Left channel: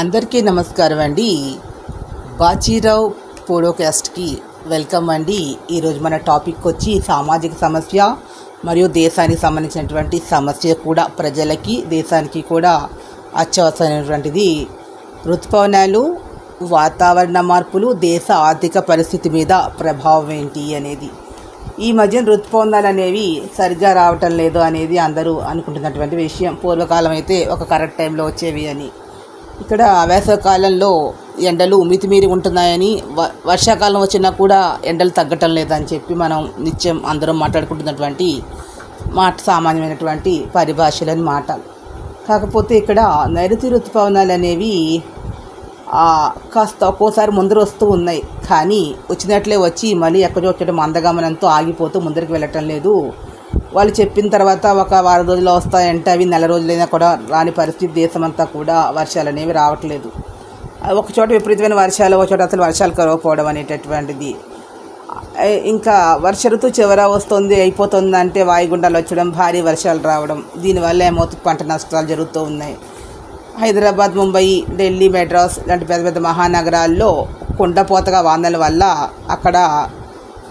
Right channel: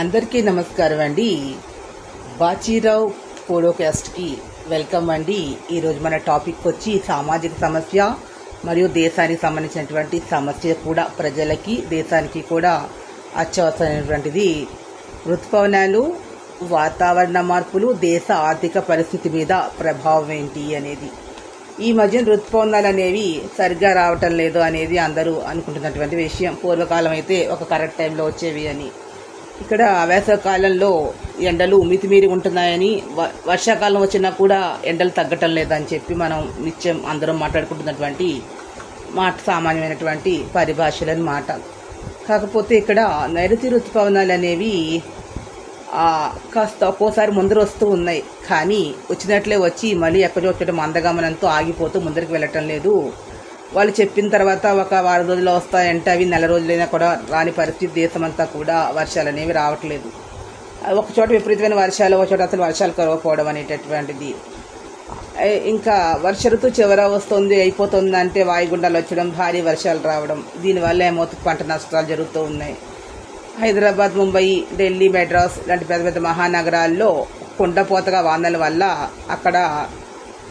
అందరికీ నమస్కారం అండి. బాజీరావు పోడ్కాస్ట్కి వెల్కమ్ అండి. ఈరోజు మన టాపిక్ వచ్చి సామాజిక సమస్య మరియు దేశానికి సంబంధించినటువంటి సమస్య కూడా ప్రజలకి దేశానికి కూడా అత్యవసరమైనటువంటిది. ఋతుపవనాలు, వాతావరణ మార్పులు దేశ ఆర్థిక పరిస్థితి మీద ప్రభావం ఏంటి అనేది. ఈ మధ్య ఋతుపవనాలు అనేవి సరిగ్గా రావటం లేదు అనేది అందరూ అనుకుంటున్నటువంటి విషయం. పూర్వకాలం అయితే ఒక కరెక్ట్ టైంలో వచ్చేవి అని. ఇక్కడ వేసవికాలంలో ఎండలు మితిమీరి ఉంటున్నాయని, వర్షాకాలం వచ్చినా కూడా ఎండలు తగ్గటం లేదని చెప్పి మనం నిత్యం అందరం మాట్లాడుకుంటున్నటువంటి సామాన్యమైనటువంటి పరిభాషలని మాట. కాకపోతే ఇక్కడ నైరుతి ఋతుపవనాలు అనేవి కాస్త ఒక్కోసారి ముందర వస్తూ ఉన్నాయి, కానీ వచ్చినట్లే వచ్చి మళ్ళీ ఎక్కడో చోట మందగమనంతో ఆగిపోతూ ముందరికి వెళ్ళటం లేదు. వాళ్ళు చెప్పిన తర్వాత ఒక వారం రోజుల్లో వస్తాయంటే అవి నెల రోజులైనా కూడా రాని పరిస్థితి. దేశమంతా కూడా వర్షాలు అనేవి రావట్లేదు. ఒక చోట విపరీతమైన వర్షాలు, ఒక చోట అసలు వర్షాలు కరవకపోవడం అనేటటువంటిది. ఇంకా వర్ష ఋతువు చివర వస్తుంది, అయిపోతుంది అంటే వాయుగుండాలు వచ్చడం, భారీ వర్షాలు రావడం. దీనివల్ల ఏమవుతుంది, పంట నష్టాలు జరుగుతూ ఉన్నాయి. హైదరాబాద్, ముంబై, ఢిల్లీ, మెడ్రాస్ లాంటి పెద్ద పెద్ద మహానగరాల్లో కుండపోతగా వానల వల్ల అక్కడ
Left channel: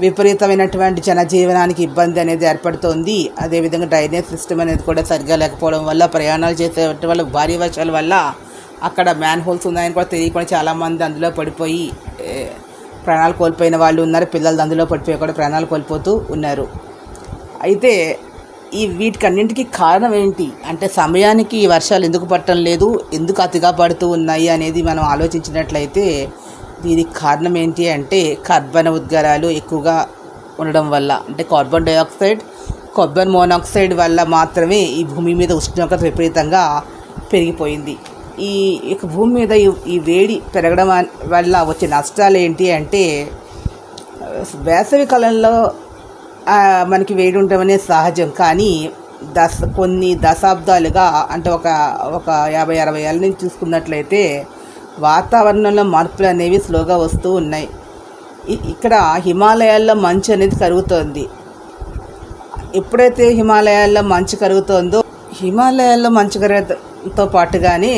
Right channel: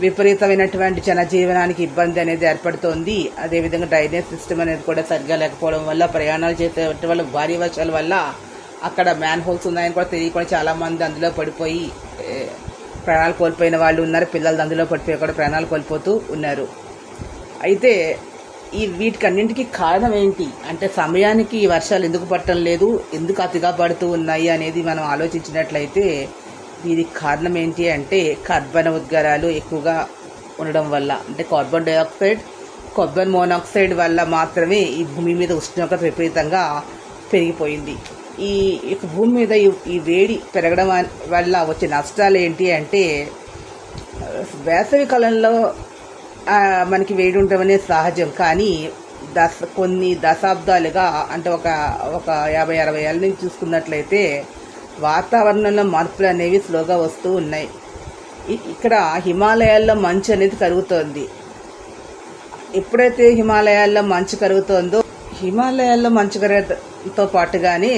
విపరీతమైనటువంటి జనజీవనానికి ఇబ్బంది అనేది ఏర్పడుతోంది. అదేవిధంగా డ్రైనేజ్ సిస్టమ్ అనేది కూడా సరిగ్గా లేకపోవడం వల్ల, ప్రయాణాలు చేసే వాళ్ళ భారీ వర్షాల వల్ల అక్కడ మ్యాన్ హోల్స్ ఉన్నాయని కూడా తెలియకుండా చాలామంది అందులో పడిపోయి ప్రాణాలు కోల్పోయిన వాళ్ళు ఉన్నారు. పిల్లలు అందులో పడిపోయి కూడా ప్రాణాలు కోల్పోతూ ఉన్నారు. అయితే వీటికన్నింటికి కారణం ఏంటి అంటే, సమయానికి వర్షాలు ఎందుకు పడటం లేదు, ఎందుకు అతిగా పడుతూ ఉన్నాయి అనేది మనం ఆలోచించినట్లయితే దీనికి కారణం ఏంటి అంటే కర్బన ఉద్గారాలు ఎక్కువగా ఉండడం వల్ల, అంటే కార్బన్ డైఆక్సైడ్, కార్బన్ మోనాక్సైడ్ వల్ల మాత్రమే ఈ భూమి మీద ఉష్ణోగ్రత విపరీతంగా పెరిగిపోయింది. ఈ భూమి మీద ఈ వేడి పెరగడం వల్ల వచ్చే నష్టాలు ఏంటి అంటే, వేసవి కాలంలో మనకి వేడి ఉండడం అనేది సహజం, కానీ కొన్ని దశాబ్దాలుగా అంటే ఒక 50-60 ఏళ్ళ నుంచి చూసుకున్నట్లయితే వాతావరణంలో మార్పులు అనేవి స్లోగా వస్తూ ఉన్నాయి. ఇక్కడ హిమాలయాల్లో మంచు అనేది కరుగుతోంది. ఎప్పుడైతే హిమాలయాల్లో మంచు కరుగుతోందో, హిమాలయాల్లో మంచు కరగడంతో పాటుగానే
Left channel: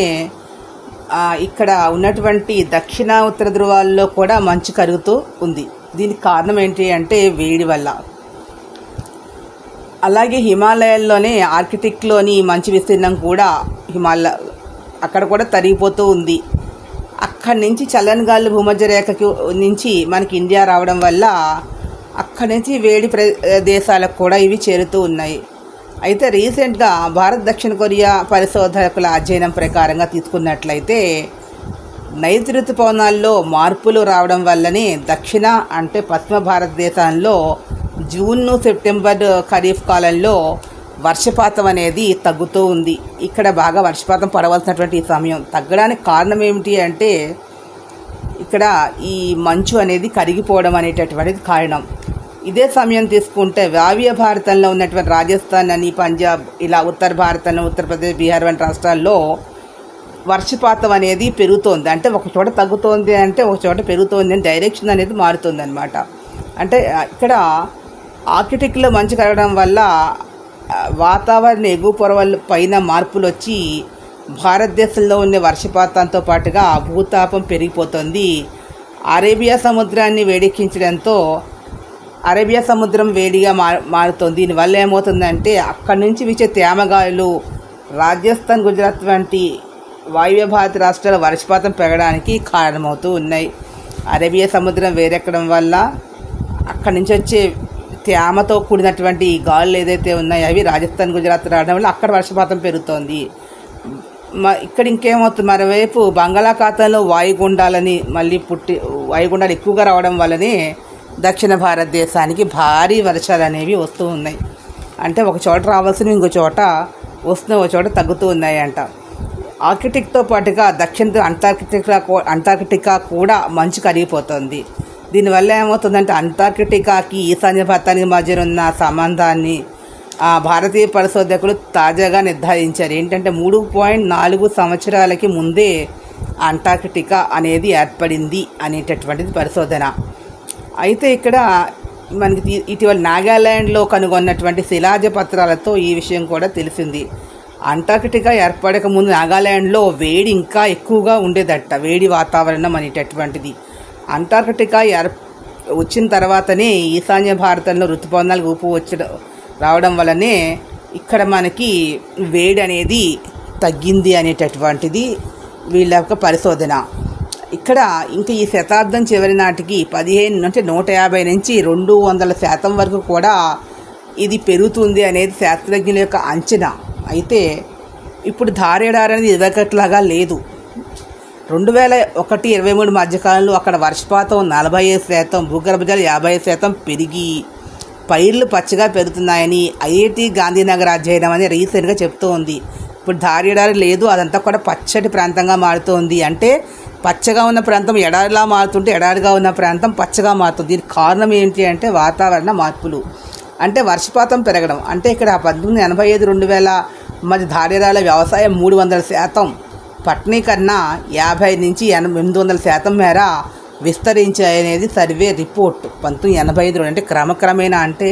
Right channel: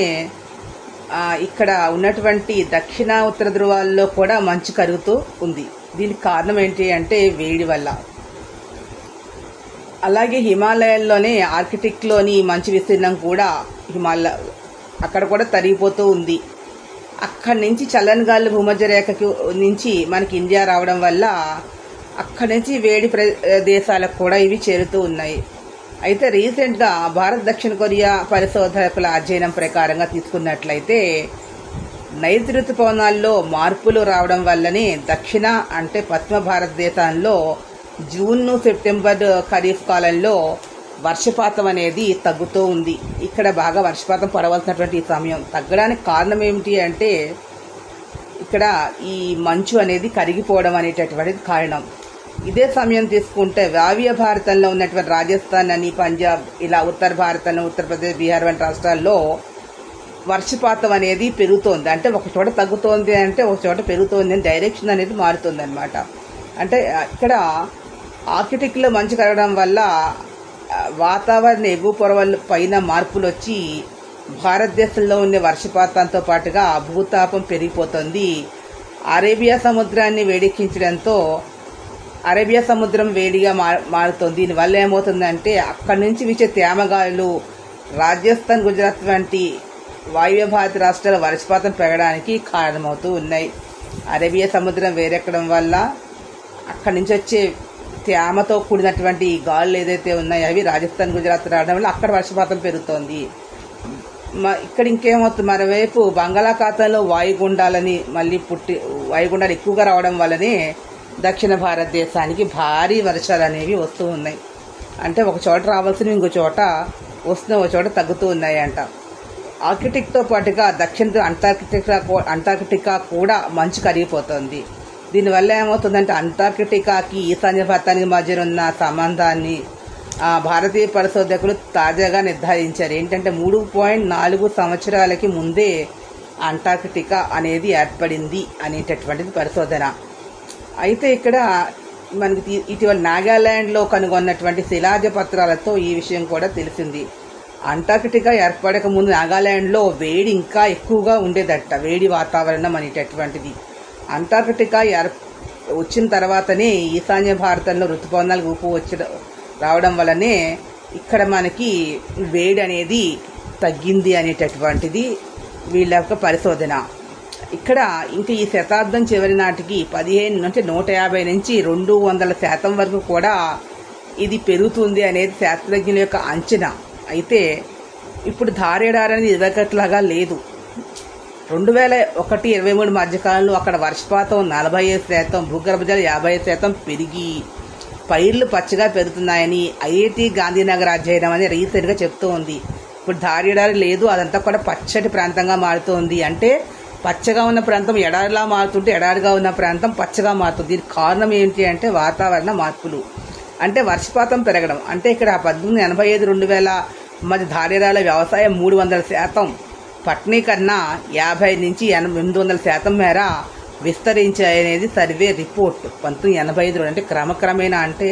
ఇక్కడ ఉన్నటువంటి దక్షిణ ఉత్తర ధృవాల్లో కూడా మంచు కరుగుతూ ఉంది. దీనికి కారణం ఏంటి అంటే వేడి వల్ల. అలాగే హిమాలయాల్లోనే ఆర్కిటిక్లోని మంచు విస్తీర్ణం కూడా అక్కడ కూడా తరిగిపోతూ ఉంది. అక్కడి నుంచి చల్లని గాలి భూమధ్య రేఖకి నుంచి మనకి ఇండియా రావడం వల్ల అక్కడి నుంచి వేడి దేశాలకు కూడా ఇవి చేరుతూ ఉన్నాయి. అయితే రీసెంట్గా భారత్, దక్షిణ కొరియా పరిశోధకుల అధ్యయనం ప్రకారంగా తీసుకున్నట్లయితే నైరుతి ఋతుపవనాల్లో మార్పులు రావడం వల్లనే దక్షిణ అంటే పశ్చిమ భారతదేశంలో జూన్, సెప్టెంబర్ ఖరీఫ్ కాలంలో వర్షపాతం అనేది తగ్గుతూ ఉంది. ఇక్కడ బాగా వర్షపాతం పడవలసినటువంటి ఈ సమయం తగ్గడానికి కారణం ఏమిటి అంటే, ఇక్కడ ఈ మంచు అనేది కరిగిపోవడం అనేటటువంటిది కారణం. ఇదే సమయం తీసుకుంటే వాయువ్య భారతంలో ఉన్నటువంటి రాజస్థాన్ అని, పంజాబ్, ఇలా ఉత్తర భారతంలో ఉత్తరప్రదేశ్, బీహార్ వంటి రాష్ట్రాల్లో వర్షపాతం అనేది పెరుగుతోంది. అంటే ఒక చోట తగ్గుతోంది అంటే ఒక చోట పెరుగుతోంది అని డైరెక్షన్ అనేది మారుతుంది అనమాట. అంటే ఇక్కడ ఆర్కిటిక్లో మంచు కరగడం వల్ల వాతావరణ ఎగువ పొరల పైన మార్పులు వచ్చి భారతదేశంలో ఉండే వర్షపాతంతో పాటుగా భూతాపం పెరిగిపోతుంది. అరేబియా సముద్రాన్ని వేడెక్కించడంతో అరేబియా సముద్రం వేడిగా మారుతుంది. దీనివల్ల ఏమవుతుందంటే అక్కడి నుంచి వీచే తేమగాలులు రాజస్థాన్, గుజరాత్ వంటి వాయువ్య భారత రాష్ట్రాల వర్షపాతం పెరగడానికి కారణమవుతూ ఉన్నాయి. అరేబియా సముద్రం వేడెక్కడం వల్ల అక్కడి నుంచి వచ్చే తేమతో కూడినటువంటి గాలులు ఏదైతే ఉన్నాయో అవి రాజస్థాన్, గుజరాత్ రావడం వల్ల అక్కడ వర్షపాతం పెరుగుతోంది. ఇక్కడ ఇంకేమవుతుంది, మరోవైపు బంగాళాఖాతంలో వాయుగుండాలు ఎక్కువగా రావడం వల్లనే దక్షిణ భారతదేశానికి భారీ వర్షాలు అనేవి వస్తూ ఉన్నాయి. అంటే ఒక చోట రావాల్సినవి ఇంకో చోట వస్తున్న ఒక చోట తగ్గుతూ ఉన్నాయంట. ఆర్కిటిక్తో పాటుగా దక్షిణ అంటార్కిటికా కూడా మంచు కరిగిపోతుంది. దీనివల్ల ఏమవుతుందంటే అంటార్కిటికాకి ఈశాన్య భారతానికి మధ్య ఉన్న సంబంధాన్ని భారతీయ పరిశోధకులు తాజాగా నిర్ధారించారు. ఏంటంటే 3.4 సంవత్సరాలకి ముందే అంటార్కిటికా అనేది ఏర్పడింది అనేటటువంటిది పరిశోధన. అయితే ఇక్కడ మనకి ఇటీవల నాగాలాండ్లో కనుగొన్నటువంటి శిలాజ పత్రాలతో ఈ విషయం కూడా తెలిసింది. అంటార్కిటికా ఏర్పడక ముందు నాగాలాండ్లో వేడి ఇంకా ఎక్కువగా ఉండేదట, వేడి వాతావరణం అనేటటువంటిది. అంటార్కిటికా వచ్చిన తర్వాతనే ఈశాన్య భారతంలో ఋతుపవనాలు ఊపు రావడం వల్లనే ఇక్కడ మనకి వేడి అనేది తగ్గింది అనేటటువంటిది వీళ్ళ యొక్క పరిశోధన. ఇక్కడ ఇంకా ఈ శతాబ్దం చివరి నాటికి 150 నుంచి 200% వరకు కూడా ఇది పెరుగుతుంది అనేది శాస్త్రజ్ఞుల యొక్క అంచనా. అయితే ఇప్పుడు ధారేడారి అనేది ఇదొకట్లాగా లేదు. 2001-23 మధ్యకాలంలో అక్కడ వర్షపాతం 45%, భూగర్భ జలం 50% పెరిగి పైర్లు పచ్చగా పెరుగుతున్నాయని ఐఐటి గాంధీనగర్ అధ్యయనం అని రీసెంట్గా చెప్తూ ఉంది. ఇప్పుడు ధారేడారి లేదు, అదంతా కూడా పచ్చటి ప్రాంతంగా మారుతోంది. అంటే పచ్చగా ఉన్న ప్రాంతం ఎడారిలా మారుతుంటే ఎడారిగా ఉన్న ప్రాంతం పచ్చగా మారుతుంది. దీనికి కారణం ఏంటి అంటే వాతావరణ మార్పులు, అంటే వర్షపాతం పెరగడం. అంటే ఇక్కడ 1985-2000 మధ్య ధారేడాల వ్యవసాయం 300%, పట్టణీకరణ 50 నుంచి 800% మేర విస్తరించాయనేది సర్వే రిపోర్ట్ 1985. అంటే క్రమక్రమేణా అంటే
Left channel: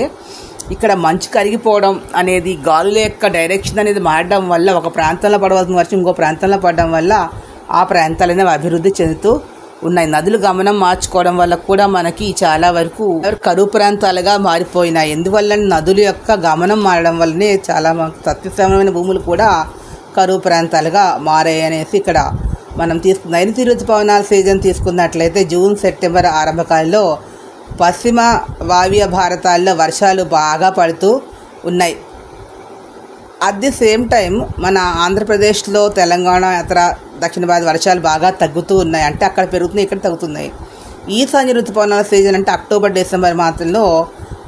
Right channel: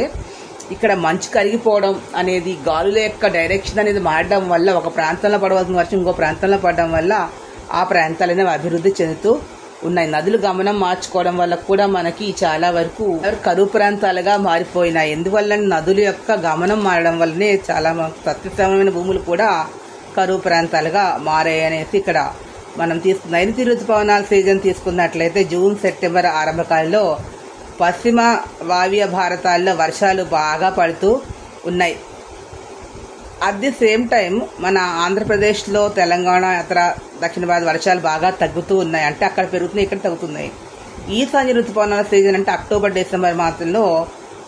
ఇక్కడ మంచు కరిగిపోవడం అనేది, గాలుల యొక్క డైరెక్షన్ అనేది మారడం వల్ల ఒక ప్రాంతంలో పడవలసిన వర్షం ఇంకో ప్రాంతంలో పడడం వల్ల ఆ ప్రాంతాలనే అభివృద్ధి చెందుతూ ఉన్నాయి. నదులు గమనం మార్చుకోవడం వల్ల కూడా మనకి చాలా వరకు కరువు ప్రాంతాలుగా మారిపోయినాయి. ఎందువల్ల నదుల యొక్క గమనం మారడం వల్లనే చాలా సత్యసమైన భూములు కూడా కరువు ప్రాంతాలుగా మారాయి అనేసి ఇక్కడ మనం నైరుతి ఋతుపవనాల సీజన్ తీసుకున్నట్లయితే జూన్ సెప్టెంబర్ ఆరంభకాలంలో పశ్చిమ వాయువ్య భారతాల్లో వర్షాలు బాగా పడుతూ ఉన్నాయి. అట్ ది సేమ్ టైం మన ఆంధ్రప్రదేశ్లో, తెలంగాణ, ఇతర దక్షిణ భారత వర్షాలు బాగా తగ్గుతూ ఉన్నాయి. అంటే అక్కడ పెరుగుతున్నాయి, ఇక్కడ తగ్గుతున్నాయి. ఈశాన్య ఋతుపవనాల సీజన్ అంటే అక్టోబర్-డిసెంబర్ మాసంలో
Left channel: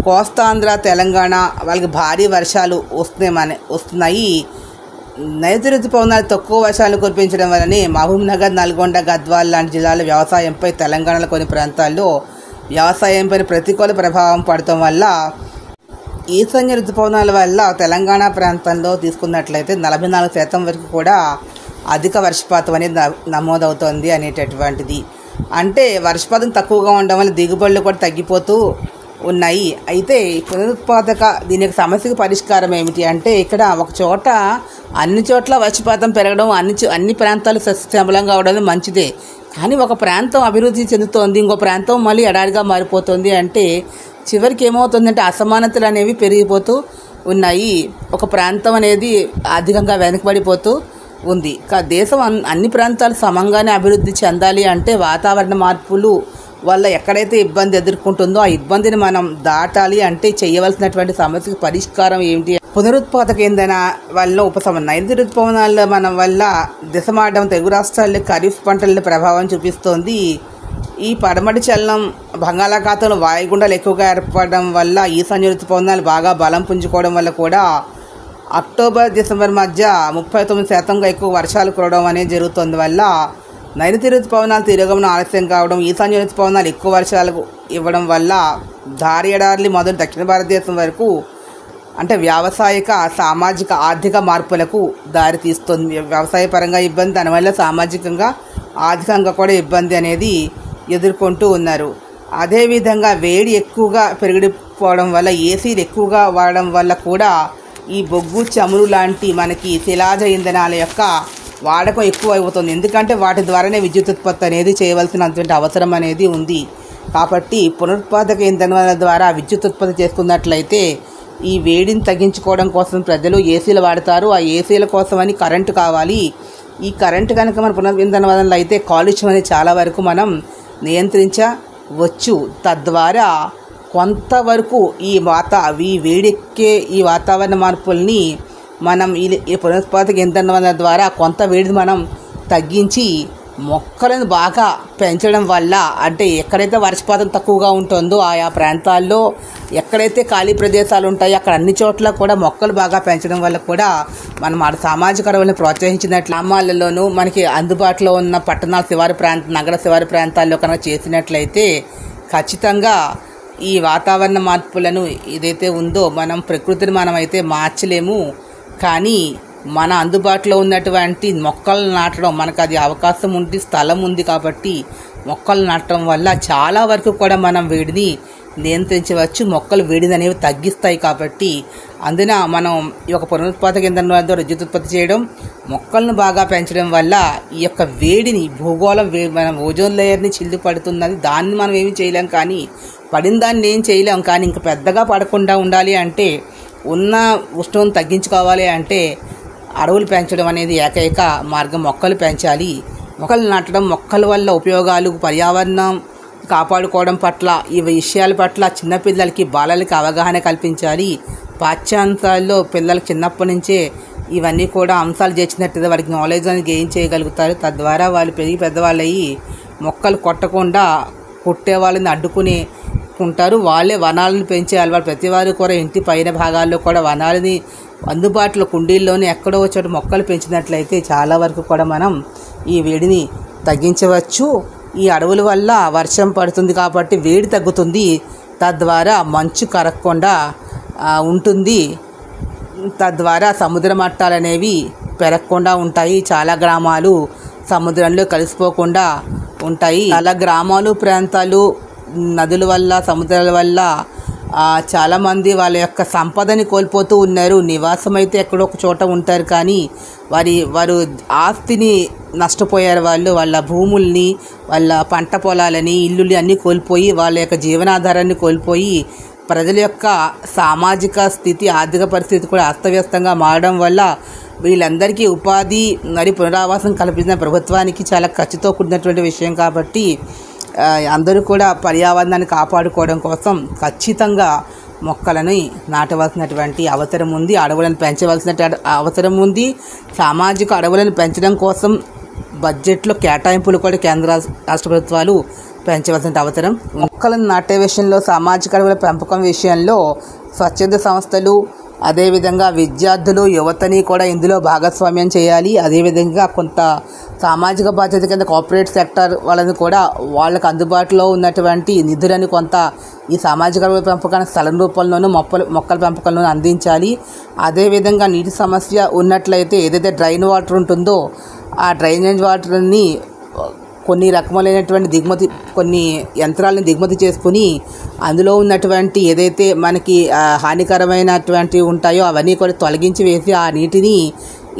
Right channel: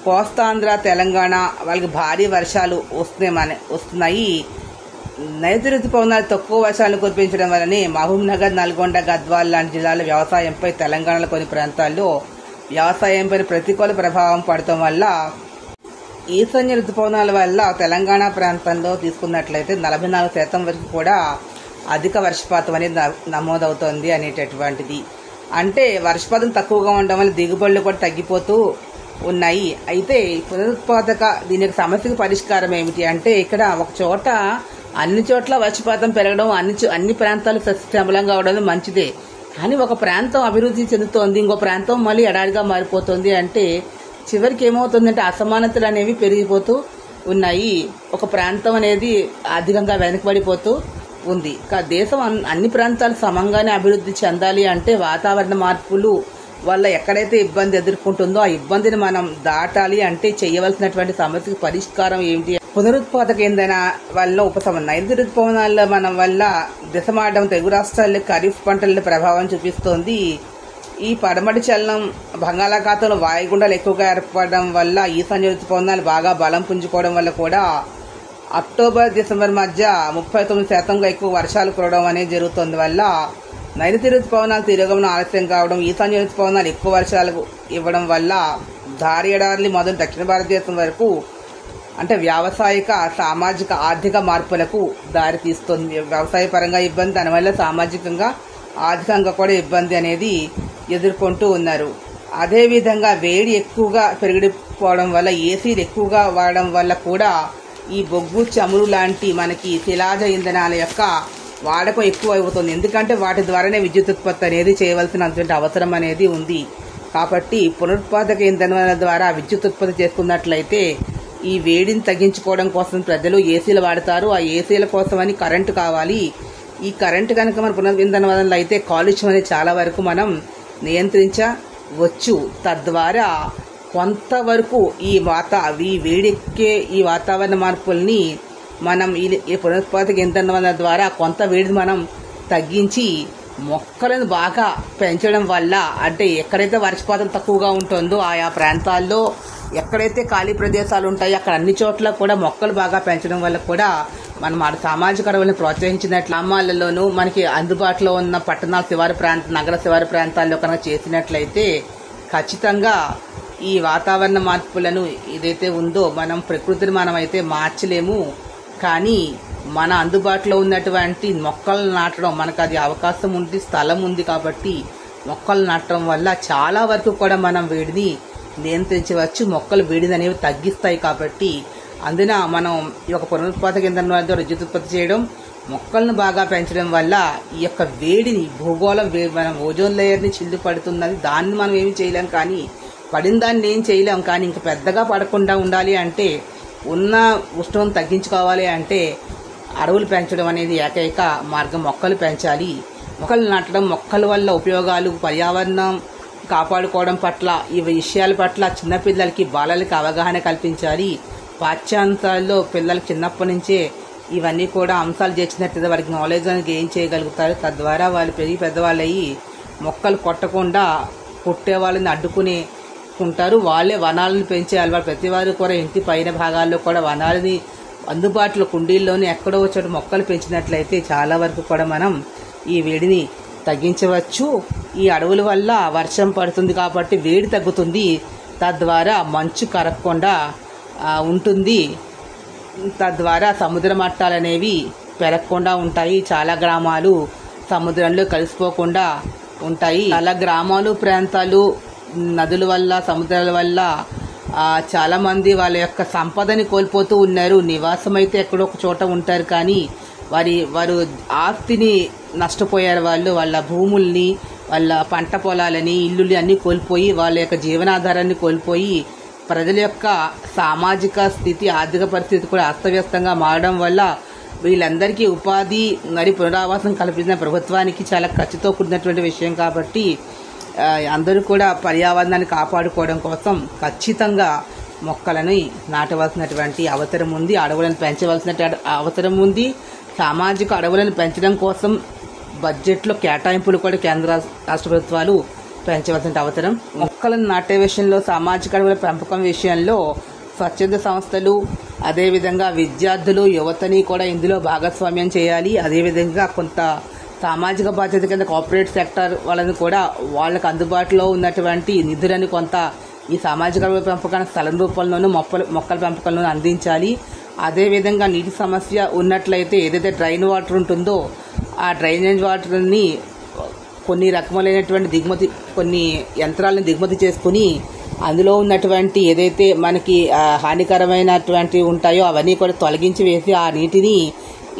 కోస్తాంధ్ర, తెలంగాణ వాళ్ళకి భారీ వర్షాలు వస్తున్నాయి. నైరుతి ఋతుపవనాలు తక్కువ వర్షాలు కురిపించడం వల్లనే మహబూబ్నగర్, నల్గొండ, గద్వాల్ లాంటి జిల్లాల వ్యవసాయంపై, తెలంగాణలో కొన్ని ప్రాంతాల్లో వ్యవసాయంపై ప్రతికూల ప్రభావం పడటం వల్ల ఈశాన్య ఋతుపవనాల వల్ల తెలంగాణ ప్రాంతంలో తీసుకున్నట్లయితే 44% వరకు కూడా అధిక వర్షపాతం అనేది నమోదవుతోంది అనేటటువంటిది. అంటే వర్షపాతం తక్కువగా ఉండడం వల్ల దిగుబడులు కూడా తగ్గిపోతూ ఉన్నాయి. అయితే పునరుత్పాదక దీని సమస్యకు పరిష్కారం ఏమిటి అంటే ఇక్కడ ఒక చోట అన్ని చోట్ల వర్షపాతం పెరగడం, అన్ని ప్రాంతాలు సస్యశ్యామలంగా అవడం మంచిదే. కానీ ఒక ప్రాంతం అభివృద్ధి చెందుతోంది, ఇంకో ప్రాంతం మళ్ళీ ఎడారిగా మారిపోతుంది అంటే చివరికి ఏమవుతుందంటే అసమానతలు అనేవి పెరిగిపోతూ ఉన్నాయి. ఒక ప్రాంతం అనేది అధికంగా వెనకబడిపోతూ ఉంది. దేశం అన్ని ప్రాంతాలు సమంగానే అభివృద్ధి చెందాలి అంటే వాతావరణ మార్పులు వల్ల ఎక్కడైతే ఇబ్బంది ఎదుర్కొంటుందో ఆ ఇబ్బందిని మనం దాటాలి అంటే చేయవలసినటువంటి సమస్యకు పరిష్కారం ఏమిటి? పునరుత్పాదక ఇంధన వల్ల ఉపశమనం. నైరుతి ఋతుపవనాల మనం వల్ల దిశ మారడం తెలుగు రాష్ట్రాల్లో ఖరీఫ్ పంటల ప్రభావం చూపిస్తోంది. ఈ పడమటి చలనం బంగాళాఖాతంలో వాయుగుండాలు ఎక్కువగా ఏర్పడడం వల్ల ఈశాన్య ఋతుపవనాలు బాగా బలం పుంజుకోవడం వల్ల కూడా అక్టోబర్-డిసెంబర్ మధ్య 39% ఎక్కువ వర్షాలు కురవడం అనేది జరుగుతుంది. వల్ల నైరుతి ఋతుపవనాలు తిరగమనం ఆలస్యం కావడం, ఈశాన్య ఋతుపవనాలు ఎక్కువ వర్షాలు ఇవ్వడం వల్ల భారీ ఎడారులు మొదలు దక్షిణ భారతదేశం వరకు అంటే వ్యావసాయిక, సామాజిక, ఆర్థిక మార్పులకు దారితీస్తుంది. వ్యవసాయ పరంగా ఇబ్బంది, దానివల్ల సామాజికంగా, ఆర్థికంగా కూడా ఇబ్బంది అనేది ఎదుర్కొంటూ ఉన్నారు. అదేవిధంగా వేడి ఎక్కువగా పెరిగిపోవడం వల్ల, ఏసీలు ఎక్కువగా వాడడం వల్ల కూడా ఈ బొగ్గు, చమురు లాంటి మనకి శిలాజ ఇంధనాల యొక్క వాడకం ఎక్కువ అవుతుంది. ఎందుకంటే వాటి ద్వారానే విద్యుత్ ఉత్పత్తి అనేది చేయవలసినటువంటి అవసరం అనేది ఉంది. కాబట్టి పునరుత్పాదక ఇంధనాల ద్వారా విద్యుత్ ఉత్పత్తి చేసుకున్నట్లయితే ఈ వేడిని తగ్గించుకోవడం కోసం ప్రజలు ఏసీలు వాడతారు. ఆ ఏసీల కోసమని కరెంటు కావాలి. ఈ కరెంటు కనుక మన పునరుద్ధరణ వల్ల అయితే కాలుష్యం అనేది చాలా వరకు మనం నియంత్రించవచ్చు. తద్వారా కొంతవరకు ఈ వేడెక్కే ఈ వాతావరణ మార్పుల్ని మనం ఈ పునరుత్పాదక ఇంధనాల ద్వారా కొంత వేడిని మనం తగ్గించి మొక్కలను బాగా పెంచడం వల్ల, అంటే ఎక్కడైతే వర్షపాతం తక్కువగా ఉంటుందో ఆయా ప్రాంతాల్లో ఎక్కడైతే ఖాళీ ప్రదేశాలు ఉంటాయో అక్కడ అన్ని చోట్ల కూడా మొక్కలు బాగా పెంచడం వల్ల కూడా మనం ఆ సామాజిక అడవులను ప్రోత్సహించినట్లు గ్రామాలలోనూ మనకి అందుబాటులో ఉన్న పట్టణాల నగర శివారు ప్రాంతాల్లో కనుక చేసినట్లయితే ఖచ్చితంగా ఈ వాతావరణ మార్పులను ఏదైతే ఉందో మనం ప్రకృతిని మనమైతే మార్చలేము. కానీ మన అందుబాటులో ఉన్నటువంటి మొక్కలు నాటడం, మనకు అది అవకాశం ఉంది, స్థలం ఉంది కాబట్టి మొక్కలు నాటడం వల్ల చాలా వరకు కూడా మనం వేడిని నియంత్రించవచ్చు. మొక్కలు వేడిని అనేవి తగ్గిస్తాయి కాబట్టి అందున మనం ఈ యొక్క పునరుత్పాదక ఇంధనం ద్వారా విద్యుత్ ఉత్పత్తి చేయడం, మొక్కలను బాగా పెంచడం వల్ల ఈ యొక్క వేడిని భూగోళం మనం ఓజోన్ లేయర్ని చిల్లు పడుతున్నది. దాన్ని మనం ఏమి చేయలేం, కానీ పడిన దాన్ని ఏం చేయలేం. కానీ ఇంకా పెద్దగా పడకుండా ఉండాలి అంటే, ఉన్న ఉష్ణం తగ్గించుకోవాలి అంటే అడవులు పెంచడం అనేది ఏకైక మార్గం. మొక్కలు పెంచాలి, మొక్కలు నాటడం, మొక్కల వల్ల ఉపయోగాలు, పర్యావరణం కాపాడుకోవడం పట్ల, ఈ విషయాల పట్ల చిన్నపిల్లలకి బాలలకి అవగాహన కల్పించాలి. పాఠ్యాంశాల్లో పిల్లలకు చిన్నప్పటి నుంచే ఇవన్నీ కూడా అంశాలు చేర్చినట్టుగా వారికి నాలెడ్జ్ అనేది గెయిన్ చేయగలుగుతారు. తద్వారా వాళ్ళు పెరిగి పెద్దవాళ్ళు అయ్యి మొక్కలు కొట్టకుండా కొట్టే వాళ్ళని అడ్డుకుంటారు. వాళ్ళే వనాలను పెంచే అలవాటు. ప్రతి వారు కూడా ఇంటి పైన భాగాల్లో కూడా వనాలని అందుబాటులో కుండీల్లోనే ఎక్కడో చోట మొక్కలు పెంచినట్లయితే చాలా వరకు కూడా మనం ఈ వేడిని తగ్గించవచ్చు. ఈ అడవుల వల్ల వర్షం పడుతుంది కాబట్టి వేడి తగ్గుతుంది. తద్వారా మంచు కరగకుండా ఉంటుంది. తద్వారా సముద్ర మట్టాలు అనేవి పెరగకుండా ఉంటాయి. చాలా గ్రామాలు సముద్రంలో కలిసిపోకుండా ఉంటాయి. చాలా గ్రామాలు, ప్రాంతాలు నదుల వల్ల, సముద్రాల వల్ల చాలామంది వాళ్ళ యొక్క సంపదని కోల్పోతూ ఉన్నారు. నివాసం అయితే ఎక్కడో ఒక చోట ఉంటారు, కానీ వారు ఆస్తిని నష్టపోయారు. వాళ్ళ భూముల్ని, వాళ్ళ పంట పొలాలని, ఇల్లుని అన్నీ కోల్పోయి వాళ్ళ యొక్క జీవనాధారాన్ని కోల్పోయి ప్రజల యొక్క సామాజిక స్థితి, ఆర్థిక పరిస్థితి కూడా అస్తవ్యస్తంగా మారడం వల్ల వీళ్ళందరికీ ఉపాధి మరియు పునరావాసం కల్పించిన ప్రభుత్వానికి చాలా ఖర్చుతో కూడినటువంటి విషయం. కాబట్టి అందరూ కూడా పర్యావరణాన్ని కాపాడుకోవడం కోసం ఖచ్చితంగా మొక్కలని నాటవలసినటువంటి అవసరం ఉంది. అడవులను పెంచవలసిన అవసరం ఉంది. సామాజిక అడవులను పెంచడం కోసం బడ్జెట్లో కేటాయింపులు కూడా కేంద్ర రాష్ట్ర ప్రభుత్వాలు పెంచవలసిన అవసరం. మొక్కలను నాటే విషయంలో, సామాజిక అడవుల పెంపకం విషయంలో స్వచ్ఛంద సంస్థలు, అదేవిధంగా విద్యార్థులు, యువతని కూడా ఇందులో భాగస్వామ్యం చేయాలి. అదేవిధంగా కొంత సామాజిక బాధ్యత కింద కార్పొరేట్ సెక్టర్ వాళ్ళని కూడా వాళ్ళకు అందుబాటులో ఉన్నటువంటి నిధులను కొంత ఈ సామాజిక అడవుల పెంపకానికి స్థలం రూపంలోనూ మొక్కల పెంపకంలోనూ అందించాలి. అదేవిధంగా నీటి సమస్య ఉన్నట్లయితే ఏదైతే డ్రైన్ వాటర్ ఉంటుందో ఆ డ్రైనేజ్ వాటర్ని కొన్ని రకములైనటువంటి కొన్ని యంత్రాలను దిగుమతి చేసుకుని అందులో ఉన్నటువంటి ఏదైతే మనకి హానికరమైనటువంటివి ఉంటాయో అవన్నీ కూడా తొలగించి వేసి ఆ నీటిని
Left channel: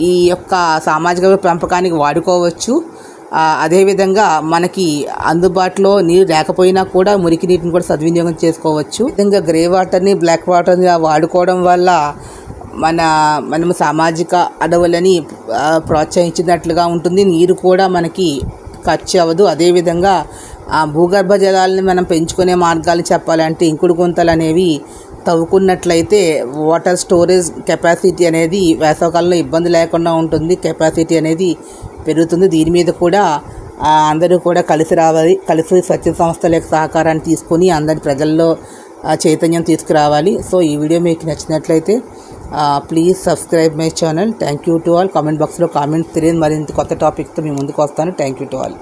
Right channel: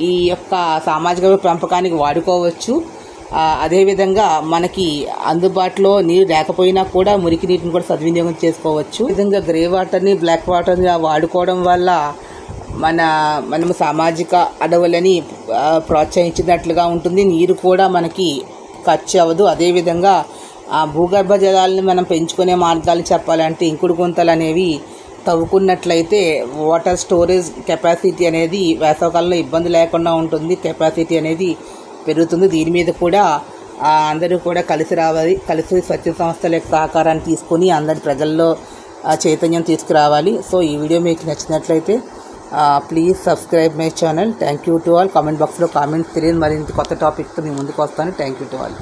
ఈ యొక్క సామాజిక పెంపకానికి వాడుకోవచ్చు. అదేవిధంగా మనకి అందుబాటులో నీరు లేకపోయినా కూడా మురికి నీటిని కూడా సద్వినియోగం చేసుకోవచ్చు. ఈ విధంగా గ్రే వాటర్ని, బ్లాక్ వాటర్ని వాడుకోవడం వల్ల మనము సామాజిక అడవులని ప్రోత్సహించినట్లుగా ఉంటుంది. నీరు కూడా మనకి ఖర్చు అవ్వదు. అదేవిధంగా భూగర్భ జలాలను మనం పెంచుకునే మార్గాలు చెప్పాలంటే ఇంకుడు గుంతలు అనేవి తవ్వుకున్నట్లయితే వాటర్ స్టోరేజ్ కెపాసిటీ అనేది వేసవకాలంలో ఇబ్బంది లేకుండా ఉంటుంది. కెపాసిటీ అనేది పెరుగుతుంది. దీని మీద కూడా అందరూ కూడా కలిసి రావాలి. కలిసి స్వచ్ఛ సంస్థల యొక్క సహకారాన్ని తీసుకుని అందరి ప్రజల్లో చైతన్యం తీసుకురావాలి. సో ఈ వీడియో మీకు నచ్చినట్లయితే please subscribe my channel. Thank you to all. Comment బాక్స్లో కామెంట్స్ తెలియదు, మరింత కొత్త టాపిక్తో మీ ముందుకు వస్తాను. Thank you to all.